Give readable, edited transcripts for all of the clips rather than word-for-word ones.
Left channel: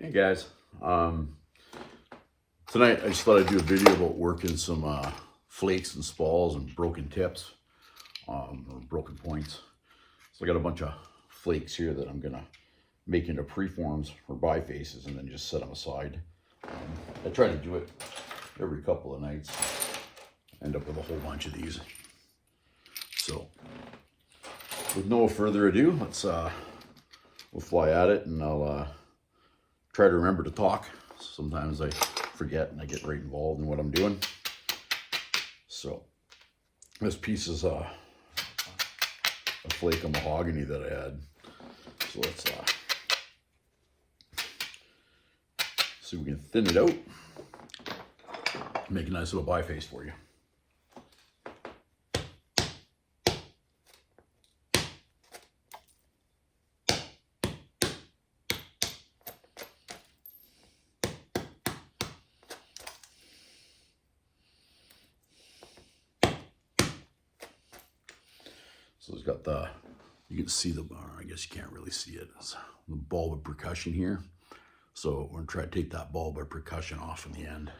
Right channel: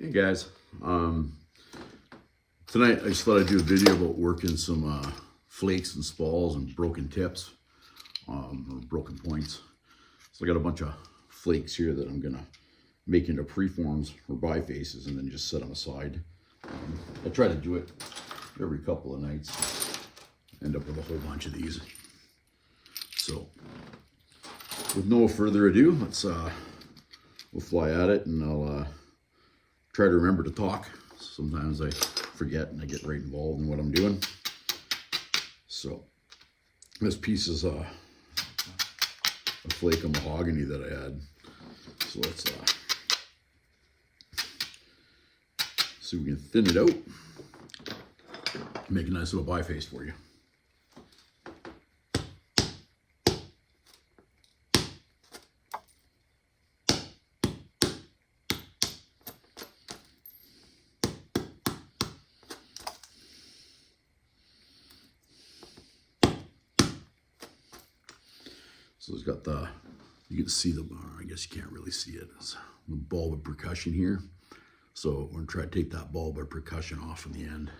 Hey guys, tonight I just thought I'd do a video about working some flakes and spalls and broken tips, or broken points. So I got a bunch of flakes here that I'm gonna make into preforms or bifaces and then just set them aside. I try to do it every couple of nights. End up with a whole bunch of these. So with no further ado, we'll fly at it, and I'll try to remember to talk. Sometimes I forget and I get right involved in what I'm doing. So this piece is a flake of mahogany that I had. So let's see if we can thin it out, make a nice little biface for you. So it's got you can see I guess you can't really see it, it's the bulb of percussion here. So we're gonna try to take that bulb of percussion off in the end.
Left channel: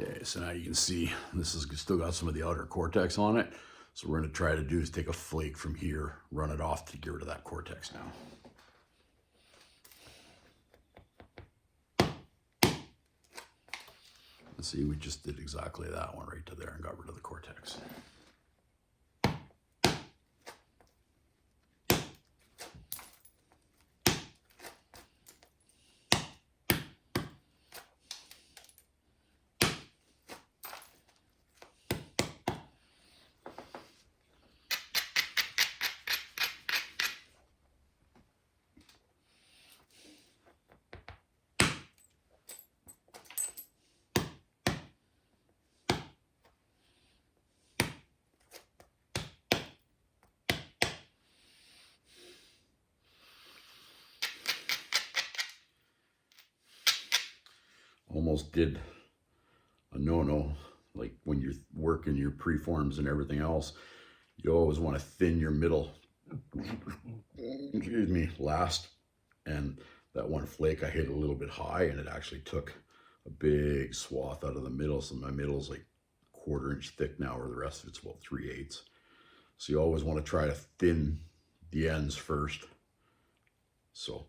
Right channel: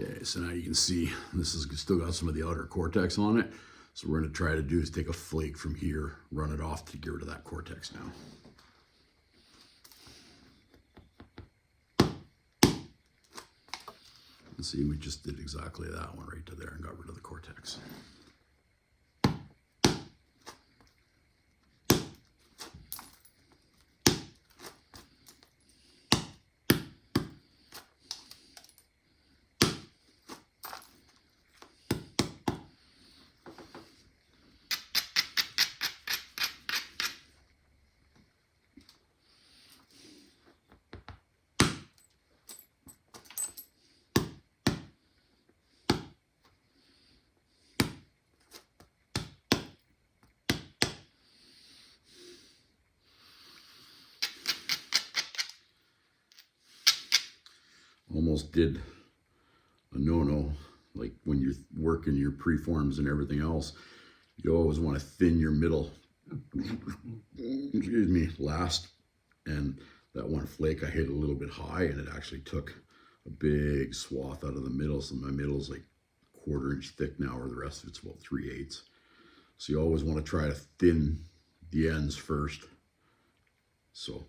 Okay, so now you can see this has still got some of the outer cortex on it. So what we're going to try to do is take a flake from here, run it off to get rid of that cortex now. And see, we just did exactly that one right to there and got rid of the cortex. Almost did a no-no, like when you're working your preforms and everything else, you always want to thin your middle, excuse me, last. And that one flake I hit a little bit high and it actually took a big swath out of the middle. So my middle's like 1/4 inch thick now, where the rest of it's about 3/8. So you always want to try to thin the ends first. So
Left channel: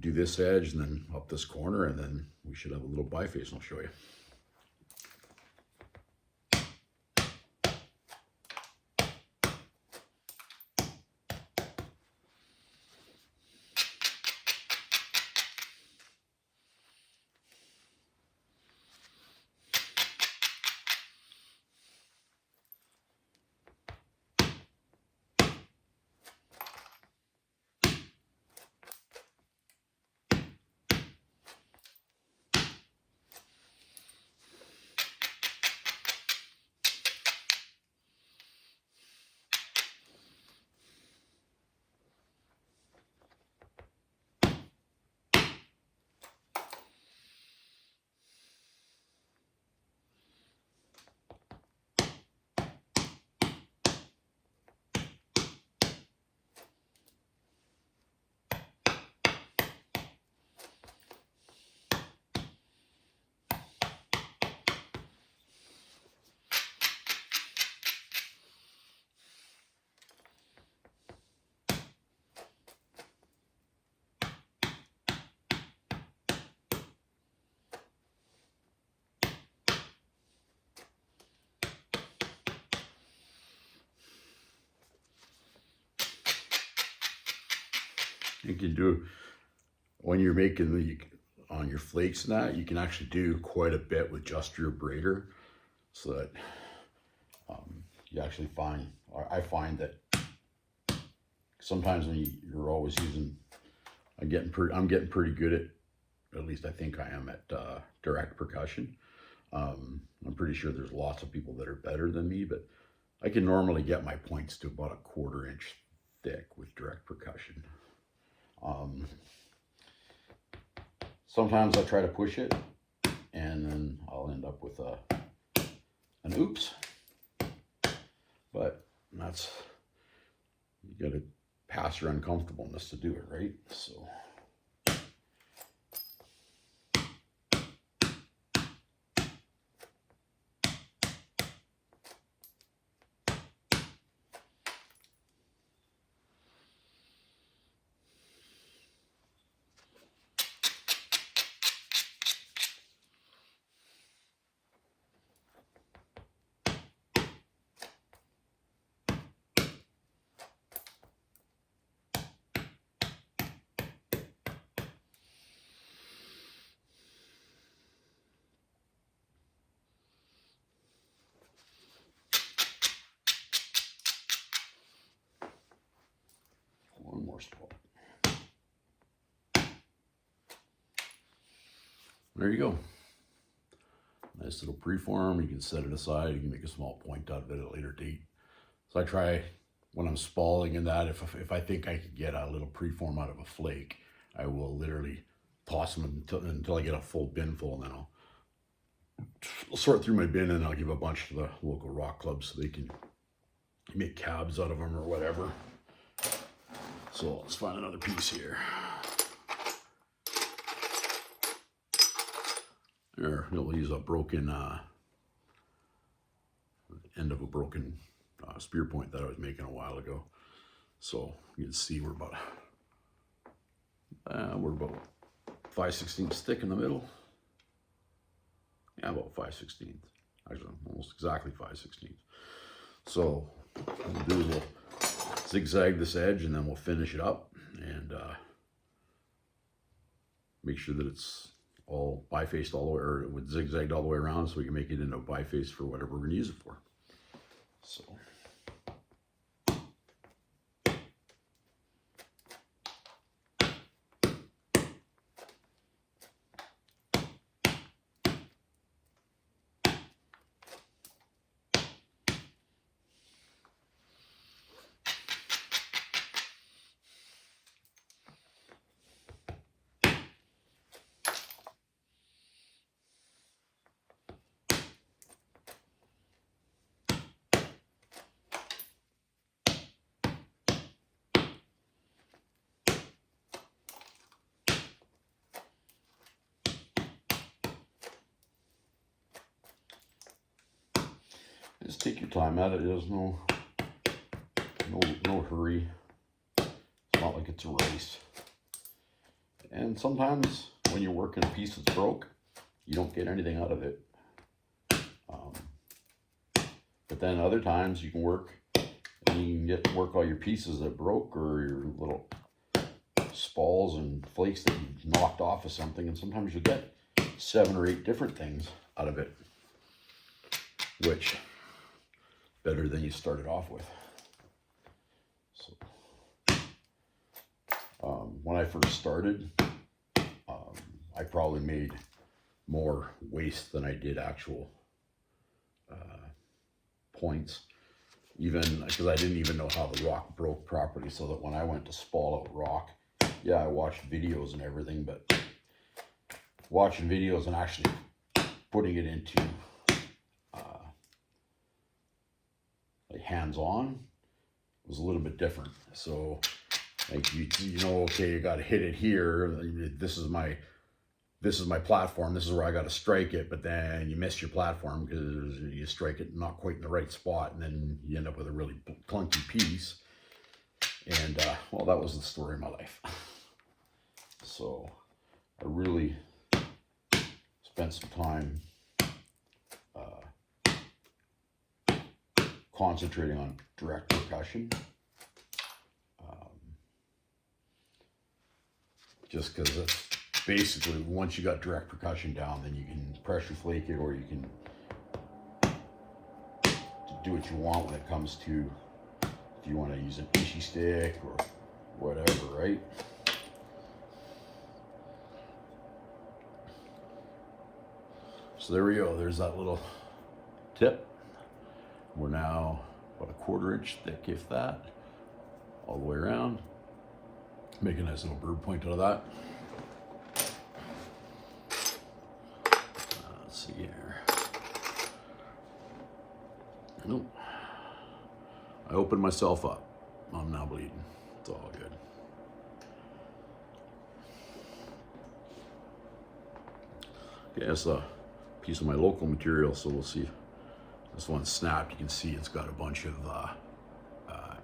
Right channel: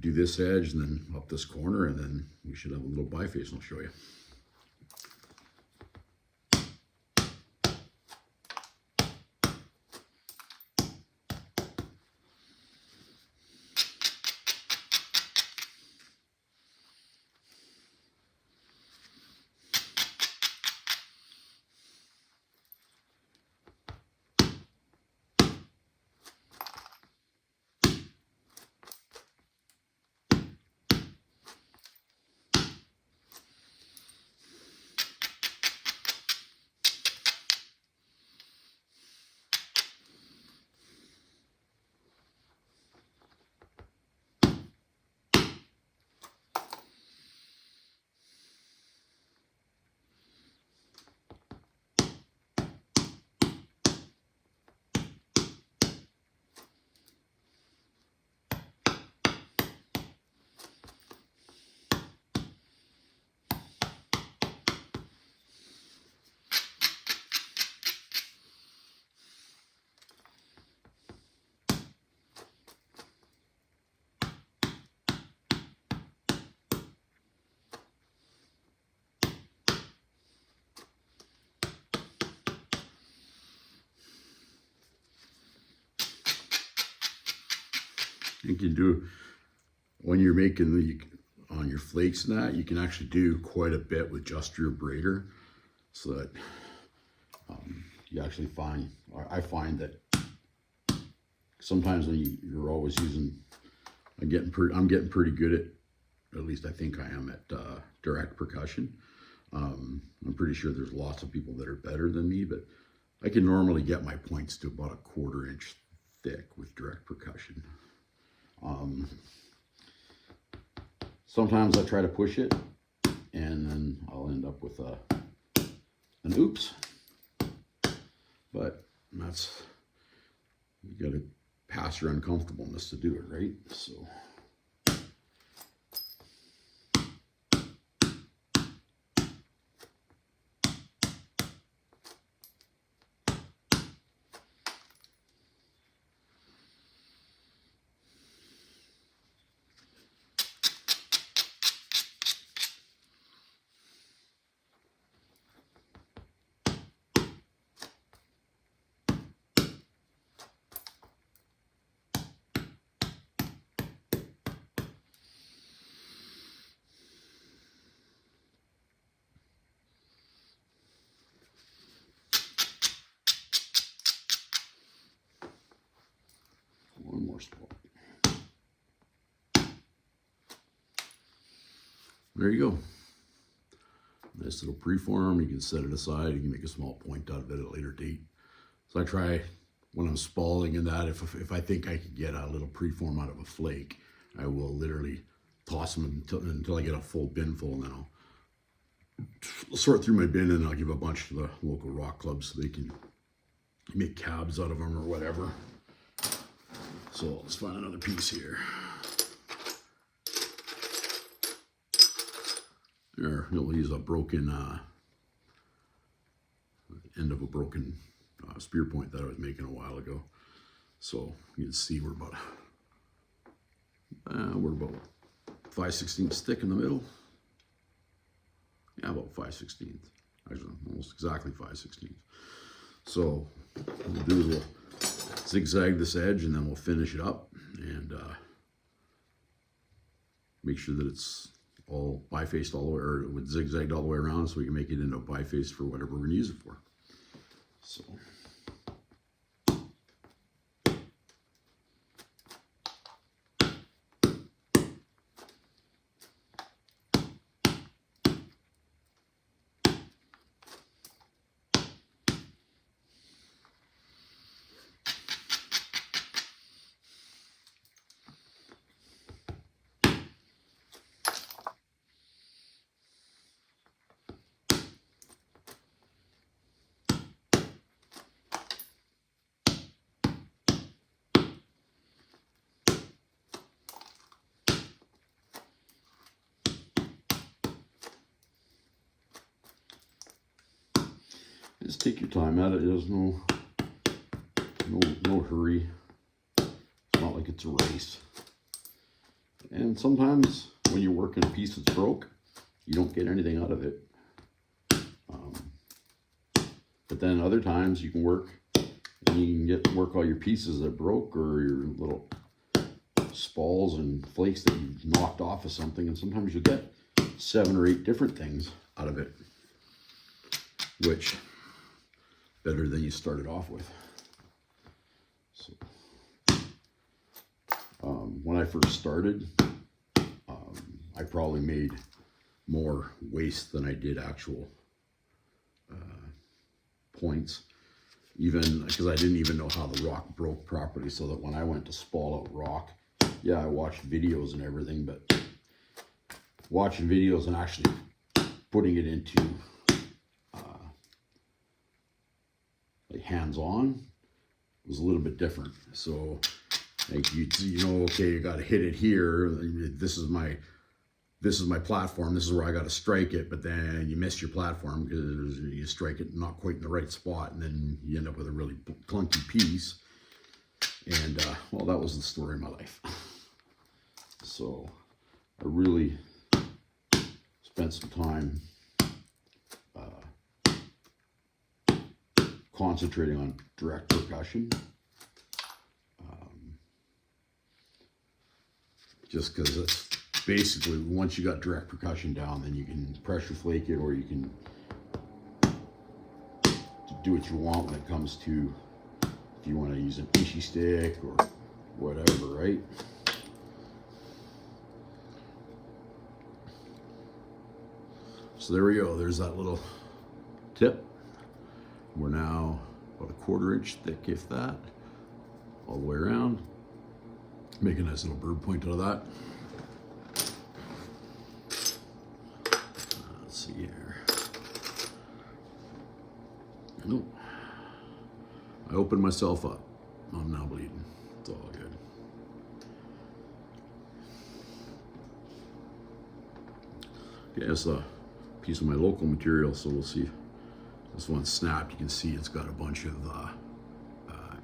do this edge and then up this corner, and then we should have a little biface, and I'll show you. You can do, when you're making on your flakes and that, you can actually do quite a bit with just your braider, so that you actually find, I find that sometimes when you're always using, I'm getting pretty good at least I think I am, at direct percussion. I'm pretty sure there's lots of people that are better than me, but I can normally get my points to about a 1/4 inch thick with direct percussion. Sometimes I try to push it, and then I'll end up with an oops. But that's, you got to pass your uncomfortableness to do it, right? So. One more spot. There you go. Nice little preform. You can set it aside. You can make a small point out of it at a later date. So I try, when I'm spalling in that, if I think I could get a little preform out of a flake, I will literally toss them until I get a full bin full, and then I'll sort through my bin, and I'll give a bunch to the local rock clubs so they can make cabs out of them or whatever. So let's find another piece here. There, we'll use a broken end of a broken spear point that I was making a while ago. So you can see we're about 5/16 thick in the middle. Yeah, about 5/16. Actually, almost exactly 5/16. So what we'll do is we'll zigzag this edge, and then we'll finish it up and make sure that it's all bifaced all the way, or with zigzagged all the way around, so we can make it into a biface for whatever we're going to use it for. So. Just take your time at it. There's no hurry. It's not like it's a race. And sometimes when you're working a piece that's broke, you don't get anything out of it. But then other times you can work, and you can work all your pieces that broke, or your little spalls and flakes that you knocked off of something, and sometimes you get 7 or 8 different things out of it, which better than you started off with. So when I first started, I probably made more waste than I did actual points, even because I didn't even know how the rock broke properly, so that when I went to spall out rock, yeah, I watched videos and everything, but watching videos and actually putting it into like hands-on was a little bit different. So like you know, okay, you got to hit it here. This is my platform. This is where I got to strike it. But then you miss your platform because you strike it not quite in the right spot, and then you end up with a really clunky piece. And well, that was the story of my life. So I really spent some time concentrating on direct percussion, just because it's basically, once you got direct percussion down, then you can pressure flake it, or you can do what you want when it comes to, if you want to use an ishi stick or whatever, right? So there we go, there's that little tip. We're now about a 1/4 inch thick, if that, all the way around. Make a nice little bird point out of that. Let's see here. Nope. I opened myself up. I'm now bleeding. It's all good. Okay, that's a piece of my local material, so we'll see. This one snapped. You can see it's got a bunch of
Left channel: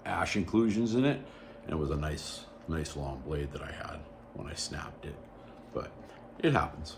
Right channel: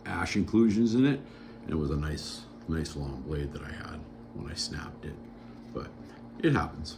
ash inclusions in it, and it was a nice long blade that I had when I snapped it, but it happens.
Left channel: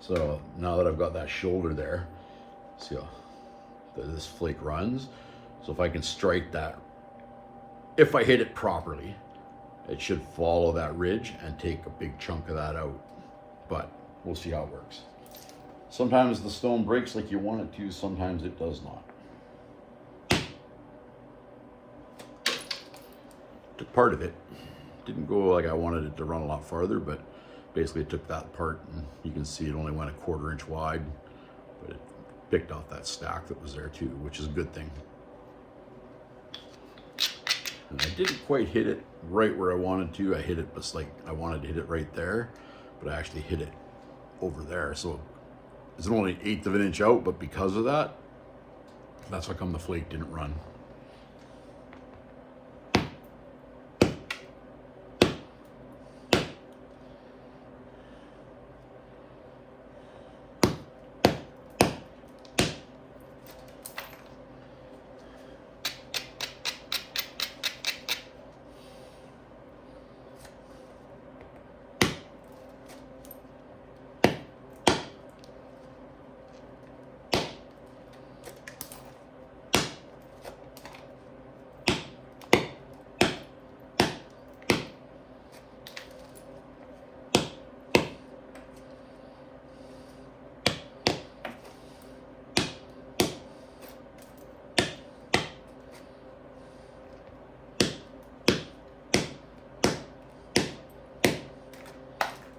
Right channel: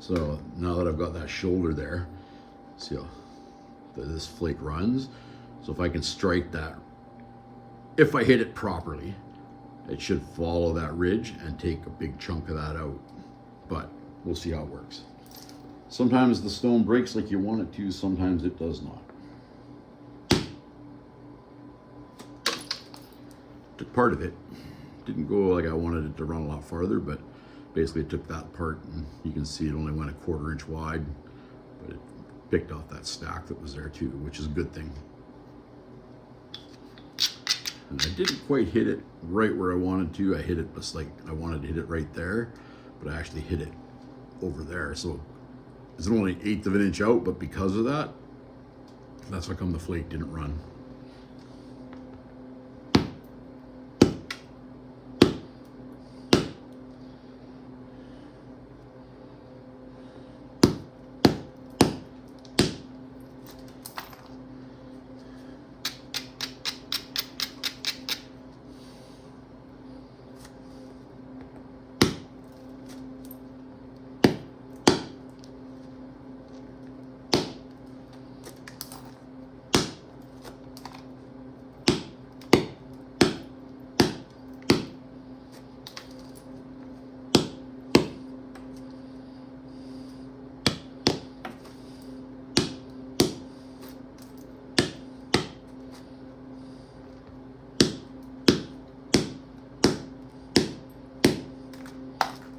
So now that I've got that shoulder there, see how this flake runs? So if I can strike that, if I hit it properly, it should follow that ridge and take a big chunk of that out. But we'll see how it works. Sometimes the stone breaks like you want it to, sometimes it does not. Took part of it. Didn't go like I wanted it to run a lot farther, but basically took that part, and you can see it only went a 1/4 inch wide, but it picked off that stack that was there too, which is a good thing. And I didn't quite hit it right where I wanted to. I hit it just like I wanted to hit it right there, but I actually hit it over there. So it's only 1/8 of an inch out, but because of that, that's how come the flake didn't run.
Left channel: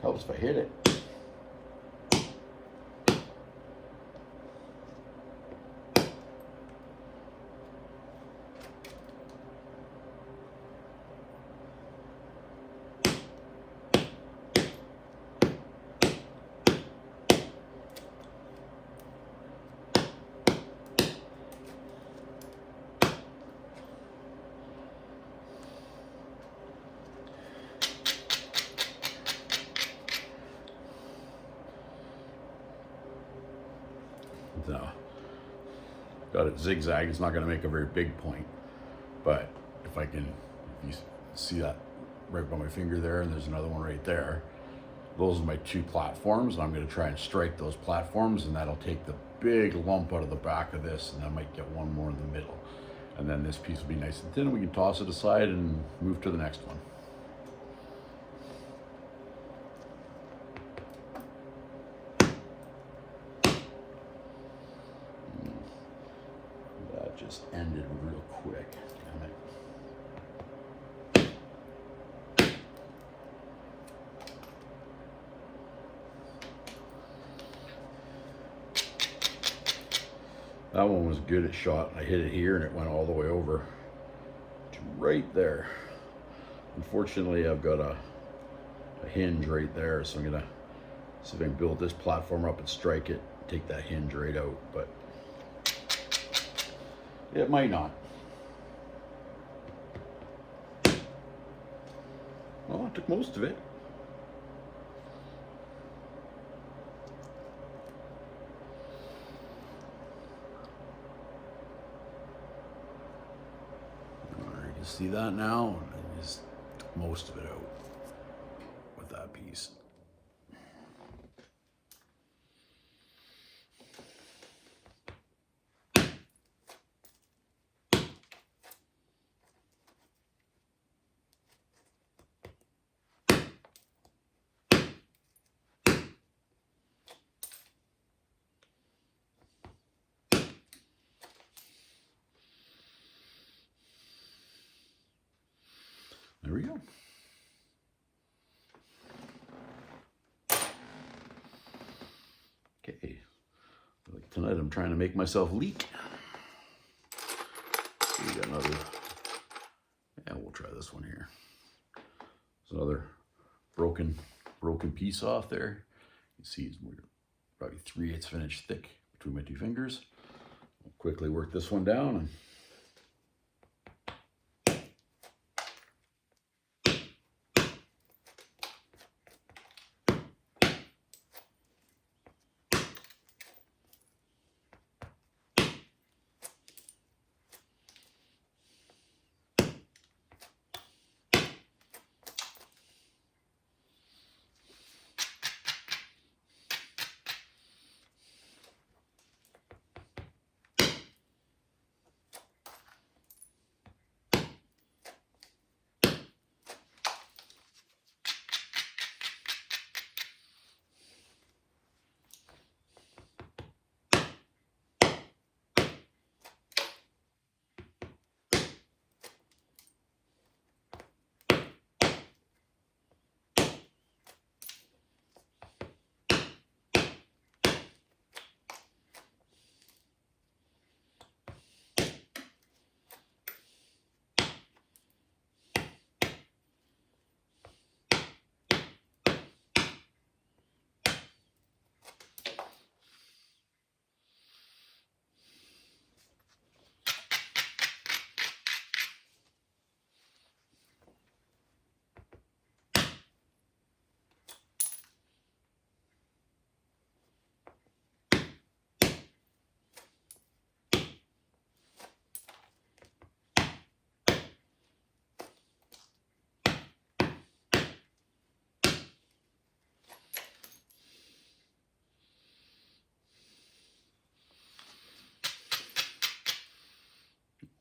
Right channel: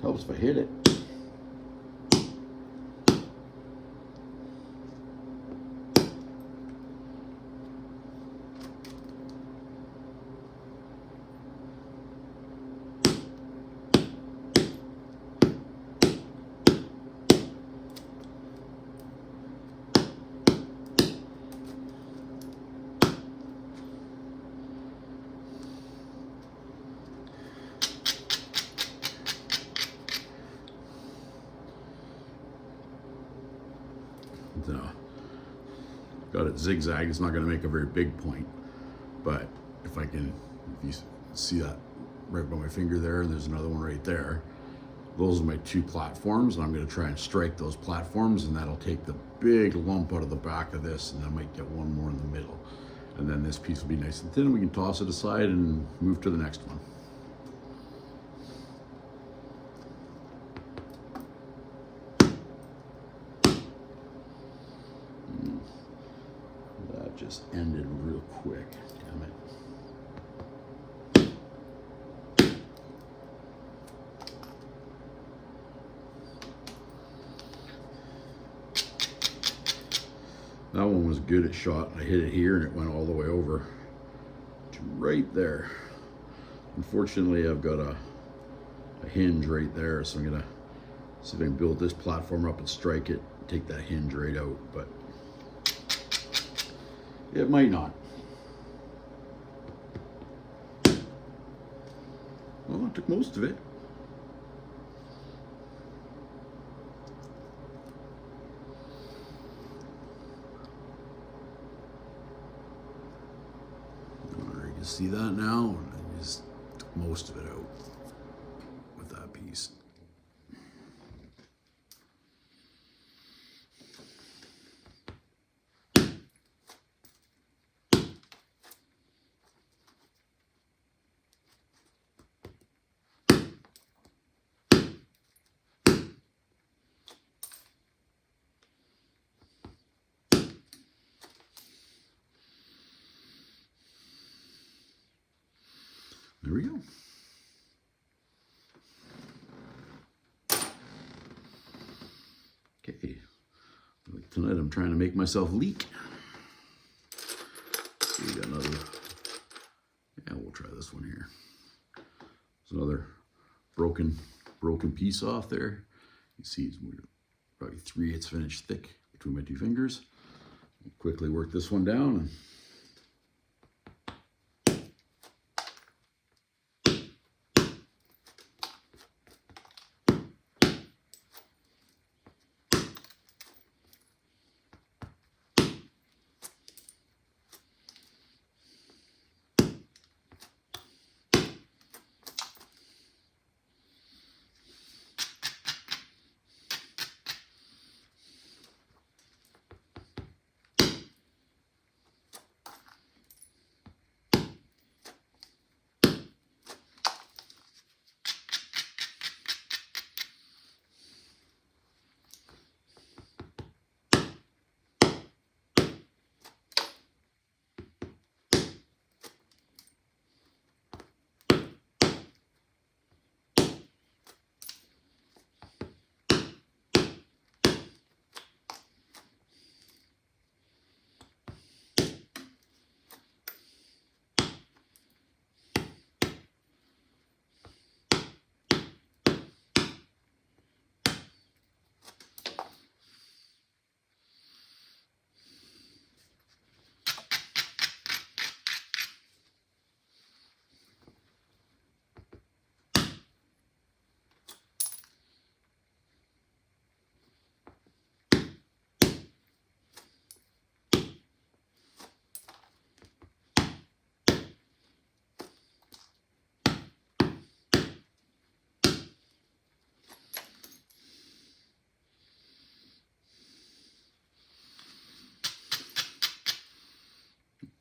Helps if I hit it. Got it zigzag. It's not going to make a very big point, but if you see that right by my finger there, and there's another one right there, those are my 2 platforms, and I'm going to try and strike those platforms, and that'll take the big lump out of the back of this, and I might get one more in the middle, and then this piece will be nice and thin, and we can toss it aside and move to the next one. Just ended real quick, damn it. That one was good at shot. I hit it here and it went all the way over to right there. Unfortunately, I've got a hinge right there, so I'm gonna see if I can build this platform up and strike it, take that hinge right out, but it might not. Well, I took most of it. You can see that now, and I just took most of it out with that piece. There we go. Okay, like tonight I'm trying to make myself leak. So we got another, yeah, we'll try this one here. There's another broken piece off there. You see it's probably 3/8 of an inch thick between my two fingers. I'll quickly work this one down and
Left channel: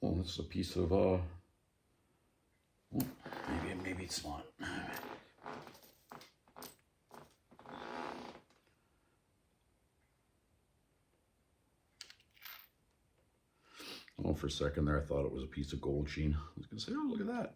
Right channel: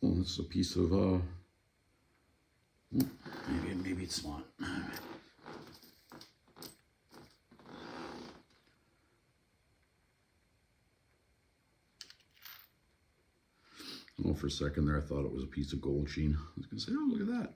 well, this is a piece of, maybe it's not. Oh, for a second there, I thought it was a piece of gold sheen. I was gonna say, oh, look at that.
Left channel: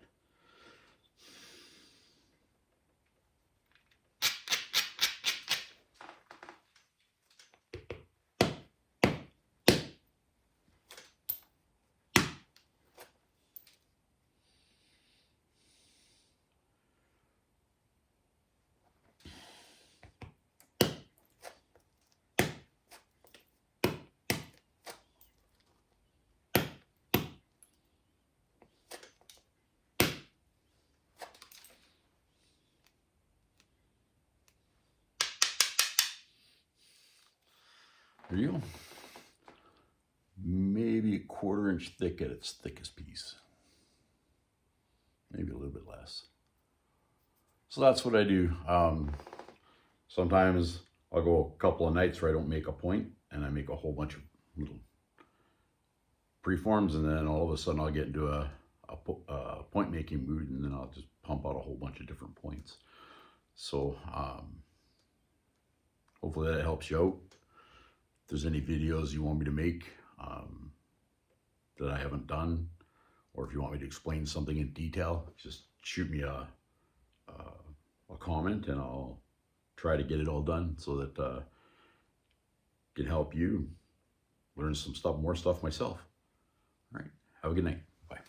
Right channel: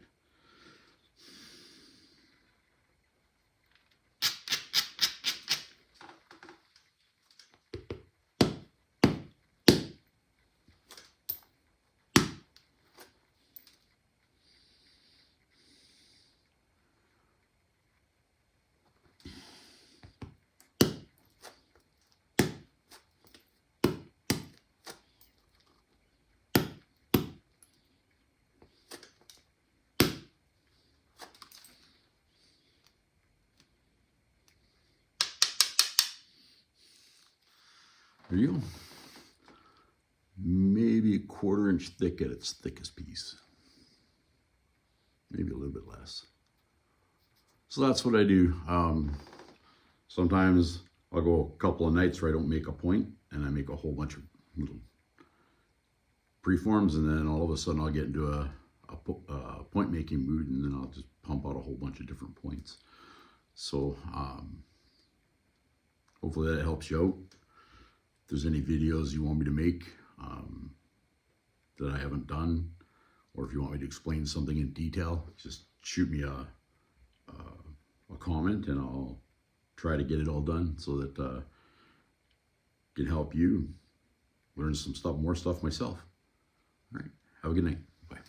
There you go. Maybe a 1/4 inch thick at its thickest piece. Maybe a little bit less. So that's what I do. Sometimes I'll go a couple of nights where I don't make a point and I make a whole bunch of little preforms, and then all of a sudden I'll get into a point making mood, and then I'll just pump out a whole bunch of different points. So hopefully that helps you out. If there's any videos you want me to make that I haven't done, or if you want me to explain something in detail, just shoot me a comment and I'll try to get it all done so that can help you learn some stuff, more stuff myself. All right, have a good night. Bye.